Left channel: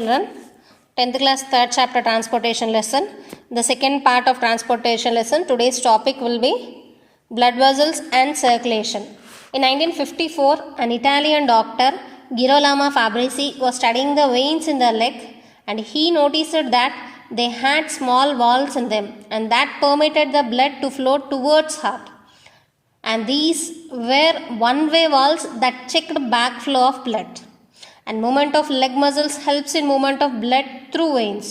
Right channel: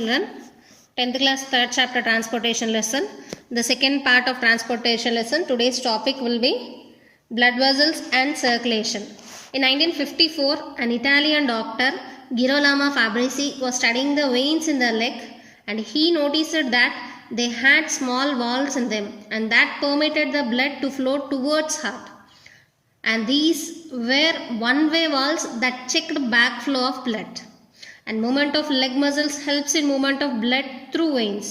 Children, 10th class 3rd chapter transportation lesson. The second part of transportation lesson. Today's topic will be blood vessels and circulation. In 1954, an Italian doctor, Girolamo Fabrizi, was studying the veins in the leg, and he noticed that they had small valves in them, and that permitted the blood to flow towards heart. And these were one-way valves that checked backflow of blood. And movement of leg muscles helps in movement of blood through veins.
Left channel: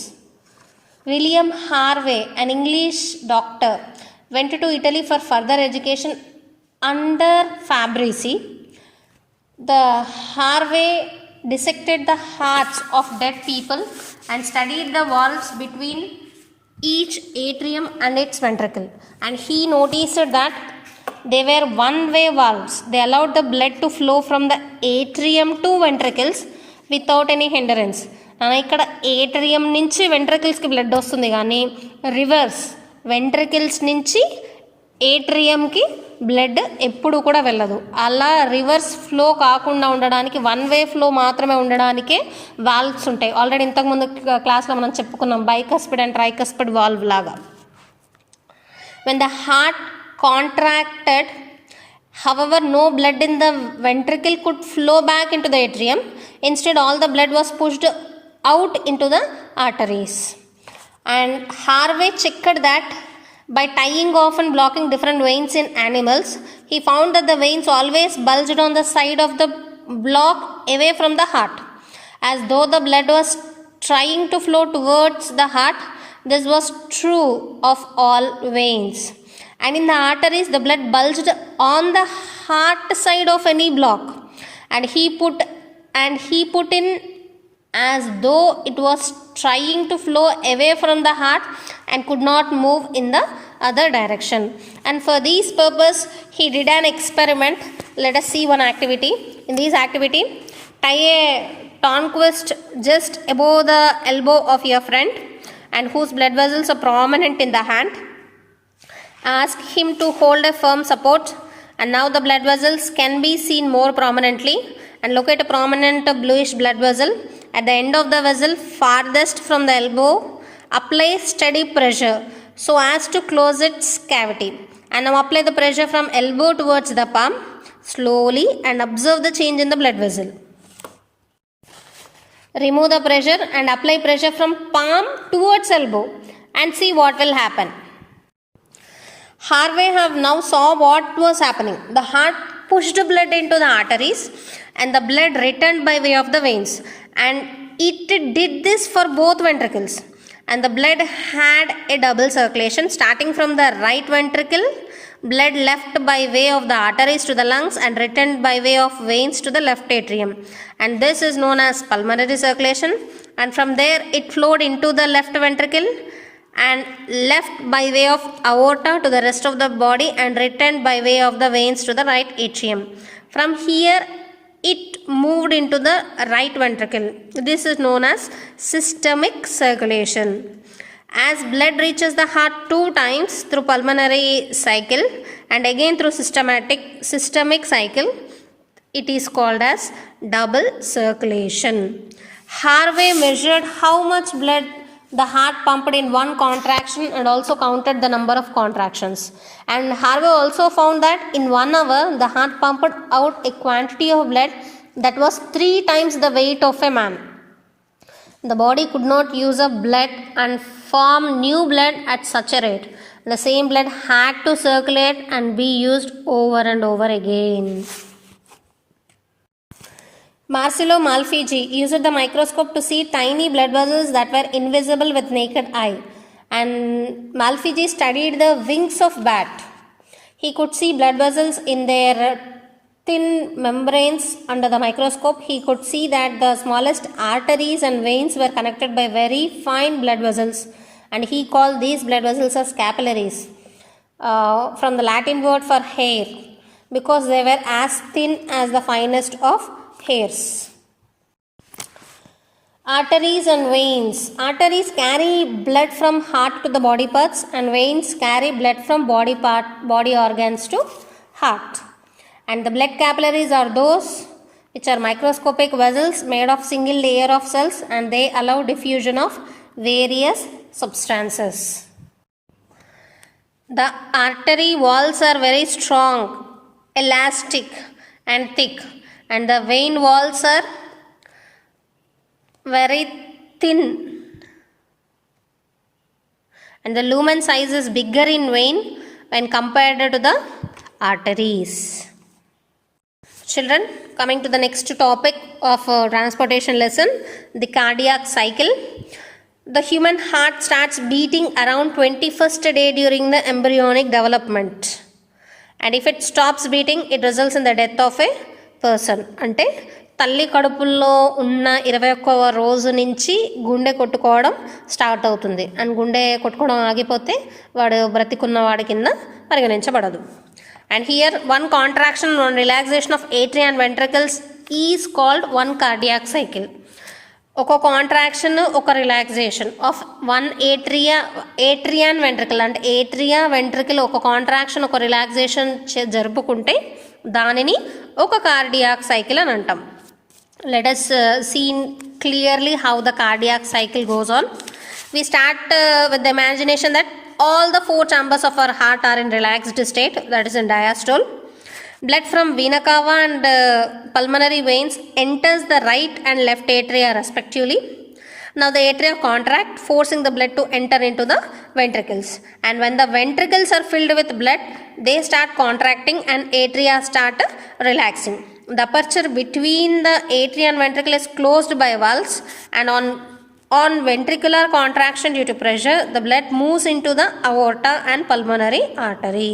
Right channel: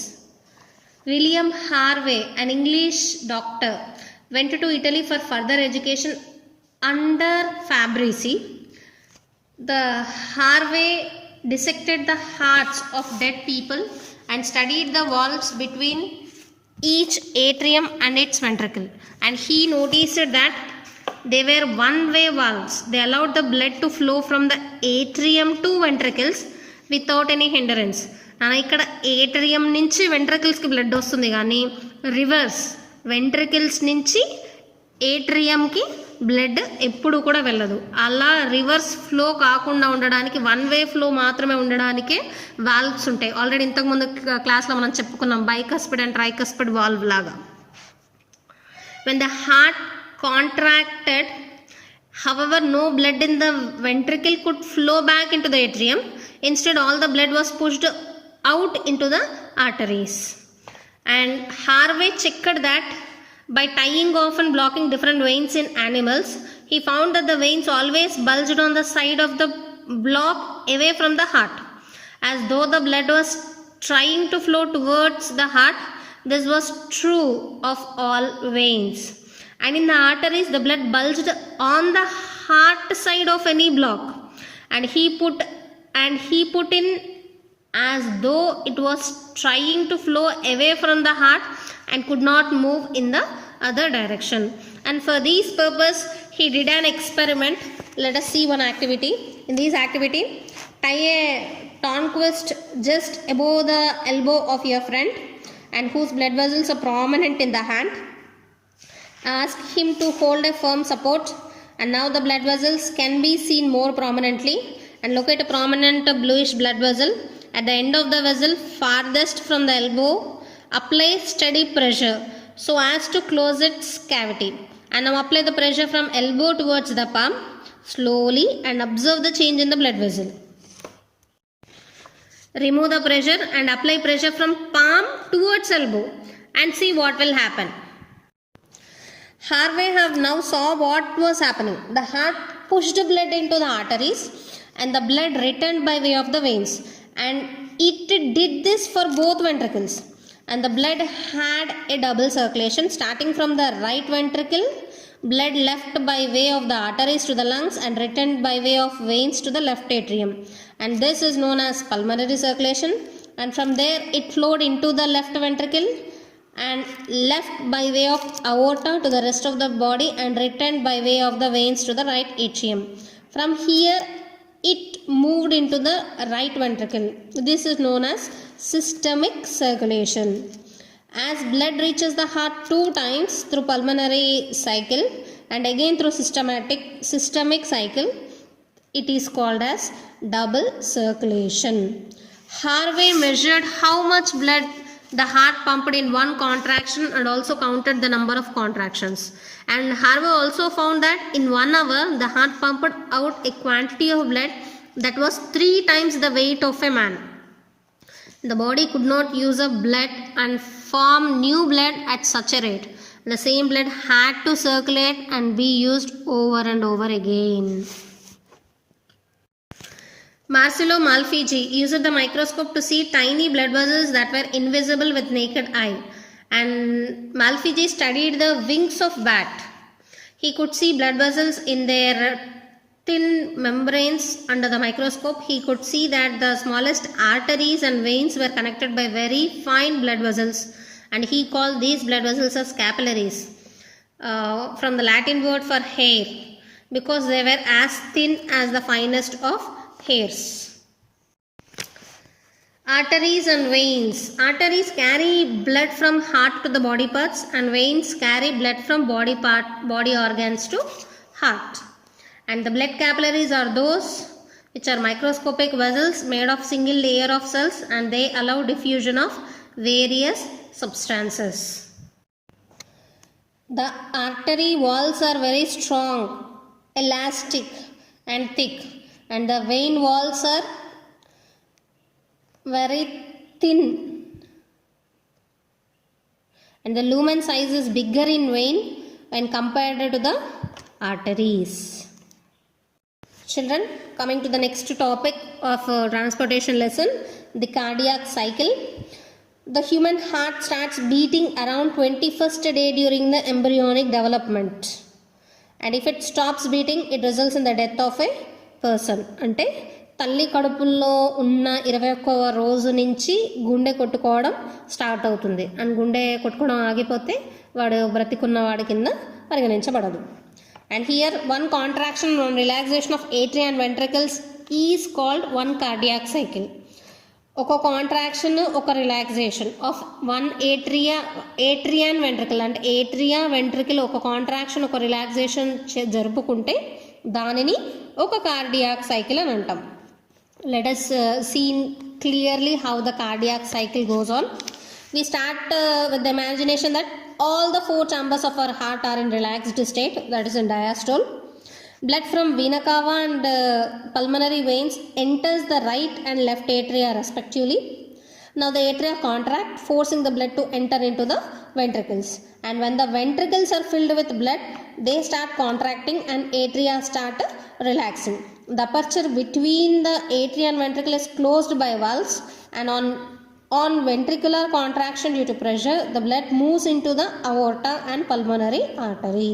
William Harvey, an English doctor, went to Italy for further education under Fabrizi. The Harvey dissected the hearts of dead people and studied the valves between each atrium and its ventricle. And he noticed that they were one-way valves. They allowed the blood to flow from the atrium to ventricles without any hindrance. ఇక్కడ atrium నుంచి వెంట్రికల్స్కి blood వస్తుంది, కానీ reverse ventricles నుంచి ఏట్రియంకి blood ఎప్పుడు కూడా వెళ్ళదు. అలా reverse flow కాకుండా ఉండడానికి, వన్ వే ఫ్లో మాత్రమే ఉండడానికే వాల్వ్స్ ఉంటాయి. ఆల్రెడీ ఇంతకుముందు క్లాస్లో మనం చెప్పుకున్నాం, బైకస్పిడ్ అండ్ ట్రైకస్పిడ్ వాల్వ్ లాగా. When the heart contracted, however, no blood in the ventricle could flow back into the atrium. Instead, all the blood was pushed out into the arteries. And Harvey checked that by tying off and blocking different veins in animals, he found that the veins always bulged on the side of the block away from the heart, as though the blood was trying to flow towards the heart. This was true of all veins. And in the arteries, the blood bulged on the heart side of any block, and he put in as though it was trying to flow away from the heart and could not move in the other direction. And for this purpose, he did an experiment. Let us see one activity. In this activity, tie a tonquist just above the elbow of your friend and whose blood vessels are prominent in the hand. Ask him to hold a firm support, and now the blood vessels can be seen more prominently, and locate a prominent bluish blood vessel at the end of the vessel farthest from the elbow. Apply steady pressure so as to close its cavity, and now apply the pressure from elbow towards the palm slowly and observe the change in the blood vessel. Remove the pressure and apply pressure from palm towards elbow and see what will happen. Harvey have now saw what was happening. The heart pushed blood into the arteries and the blood returned by way of the veins, and it did this for both ventricles, and the blood had a double circulation. Starting from the right ventricle, blood left by way of the arteries to the lungs and returned by way of veins to the left atrium, and this is known as pulmonary circulation. And from there it flowed into the left ventricle and left by way of aorta to the rest of the body and returned by way of the veins to the right atrium. From here it moved into the right ventricle. This is known as systemic circulation. As blood reaches the heart 2 times through pulmonary cycle and again through systemic cycle, it is called as double circulation. Harvey measured how much blood the heart pumped in one contraction and also counted the number of contractions. And Harvey also found that in 1 hour the heart pumped out a quantity of blood that was 3 times the weight of a man. The body could not use up blood and form new blood at such a rate. The same blood had to circulate and be used over and over again. Marcello Malpighi used the microscope to see tiny blood vessels that were invisible with naked eye. And Malpighi studied the wings of bat. He could see blood vessels in their thin membranes under the microscope. He could see that the smallest arteries and veins were connected by very fine blood vessels, and he called these blood vessels as capillaries, from the Latin word for hair, because they were as thin as the finest of hairs. Arteries and veins. Arteries carry blood from heart to the body parts, and veins carry blood from body organs to heart. And the blood capillaries are those which are microscopic vessels made of single layer of cells, and they allow diffusion of various substances. The artery walls are very strong, elastic and thick, and the vein walls are very thin, and the lumen size is bigger in vein when compared to the arteries. Children, coming to the next topic of transportation lesson, the cardiac cycle. The human heart starts beating around 21st day during the embryonic development, and if it stops beating, it results in the death of a person. అంటే తల్లి కడుపుల్లో ఉన్న 21వ రోజు నుంచి గుండె కొట్టుకోవడం start అవుతుంది, and గుండె కొట్టుకోవడం ఆగిపోతే వాడు బ్రతికున్న వాడి కింద పరిగణించబడదు. And here one contraction and relaxation of atria and ventricles is called one cardiac cycle. ఒక కాంట్రాక్షన్ ఒక relaxation of one atria and ventricle, అంటే ఏట్రియా వెంట్రికల్ ఒక కాంట్రాక్షన్ ఒక రిలాక్సేషన్ జరుపుకుంటే దానిని ఒక కార్డియాక్ సైకిల్ అని అంటాం. Let us see clearly how the cardiac cycle goes on. We start with the imagination that all the 4 chambers of our heart are in relaxed state, that is in diastole. Blood from vena cava and pulmonary veins enters the right and left atria respectively. Now the atria contract, forcing the blood to enter into the ventricles, and when the ventricles are filled with blood, they start contracting and atria start relaxing. The aperture between the atria and ventricle is closed by valves, and on ventricular contraction due to pressure, the blood moves into the aorta and pulmonary artery.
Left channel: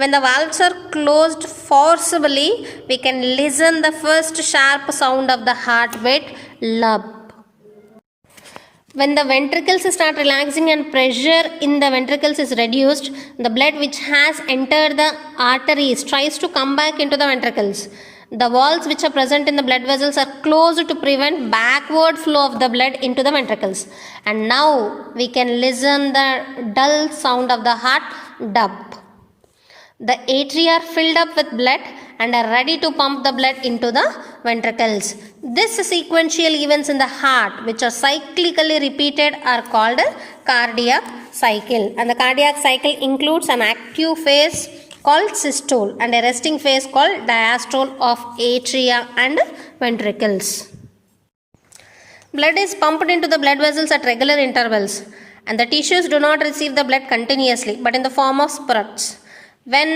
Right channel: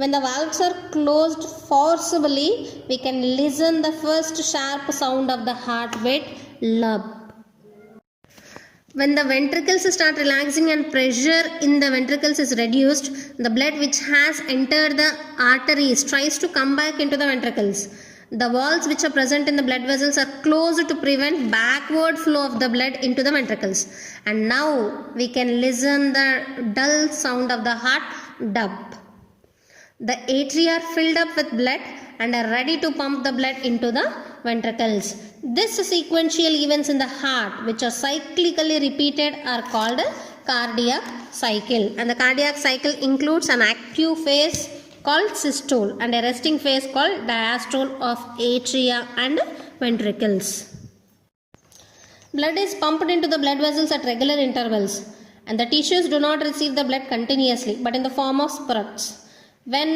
When the valves are closed forcibly, we can listen the first sharp sound of the heartbeat, lub. When the ventricles start relaxing and pressure in the ventricles is reduced, the blood which has entered the arteries tries to come back into the ventricles. The walls which are present in the blood vessels are closed to prevent backward flow of the blood into the ventricles. And now we can listen the dull sound of the heart, dub. The atria are filled up with blood and are ready to pump the blood into the ventricles. This sequential events in the heart, which are cyclically repeated, are called a cardiac cycle. And the cardiac cycle includes an active phase called systole and a resting phase called diastole of atria and ventricles. Blood is pumped into the blood vessels at regular intervals, and the tissues do not receive the blood continuously but in the form of spurts. When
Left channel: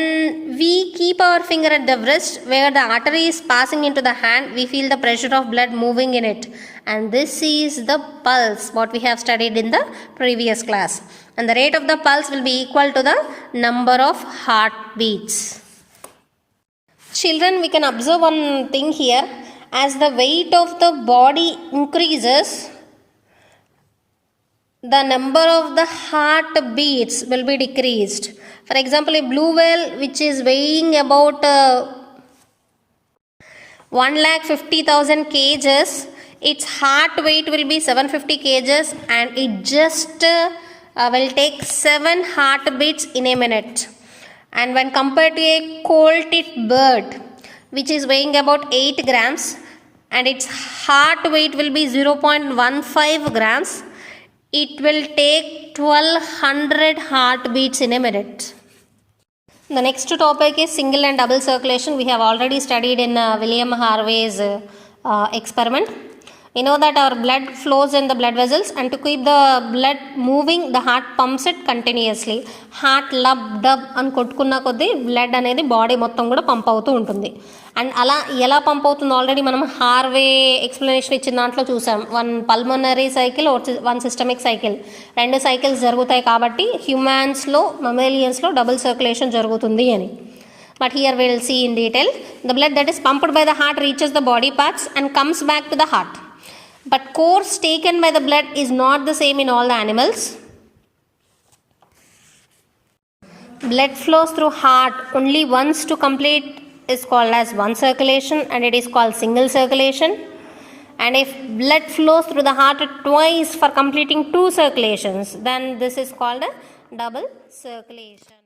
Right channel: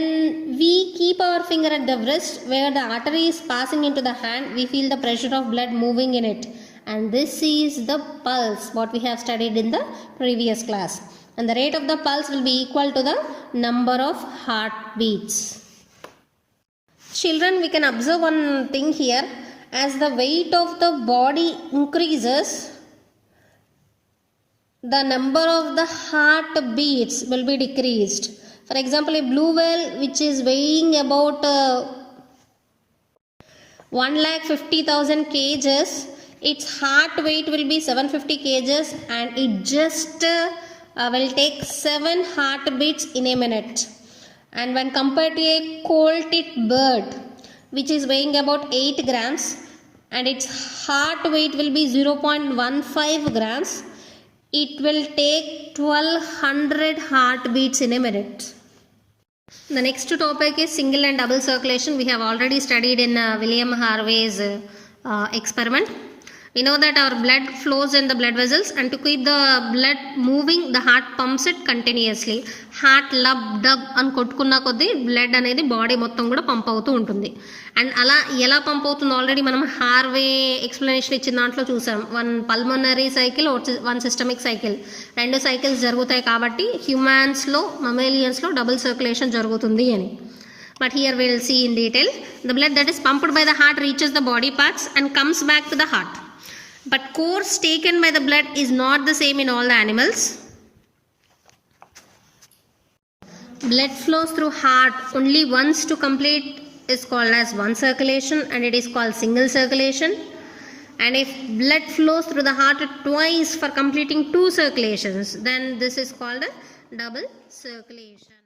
we keep our finger at the wrist where the artery is passing into the hand, we feel the pressure of blood moving in it, and this is the pulse, what we have studied in the previous class. And the rate of the pulse will be equal to the number of heartbeats. Children, we can observe one thing here. As the weight of the body increases, the number of the heartbeats will be decreased. For example, a blue whale which is weighing about 1,50,000 kgs, its heart weight will be 750 kgs, and it just will take 7 heartbeats in a minute. And when compared to a coal-tit bird which is weighing about 8 grams and its heart weight will be 0.15 grams, it will take 1200 heartbeats in a minute. The next topic is single and double circulation. We have already studied in William Harvey's experiment. We know that our blood flows in the blood vessels, and to keep the blood moving, the heart pumps it continuously. Heart lub dub అని కొట్టుకున్న కొద్దీ blood అనేది body మొత్తం కూడా pump అవుతూ ఉంటుంది. And అలా ఎలా pump అవుతుందో ఆల్రెడీ మనం హార్వే ఎక్స్ప్లెనేషన్ ఇచ్చిన దాంట్లో చూసాం. 1 pulmonary cycle, 1 systemic cycle, 2 cycles జరుగుతాయి కాబట్టి హ్యూమన్స్లో, మమ్మేలియన్స్లో డబుల్ సర్క్యులేషన్ జరుగుతుంది అని. But here we will see in detail. The blood that is pumped by the heart reaches the body parts and comes back to the heart. But course taken by the blood is not the same in all the animals. Blood flows through heart only once to complete is called as one circulation, and it is called single circulation. And if blood flows through the heart twice for completing 2 circulations, then this is called a double circulation.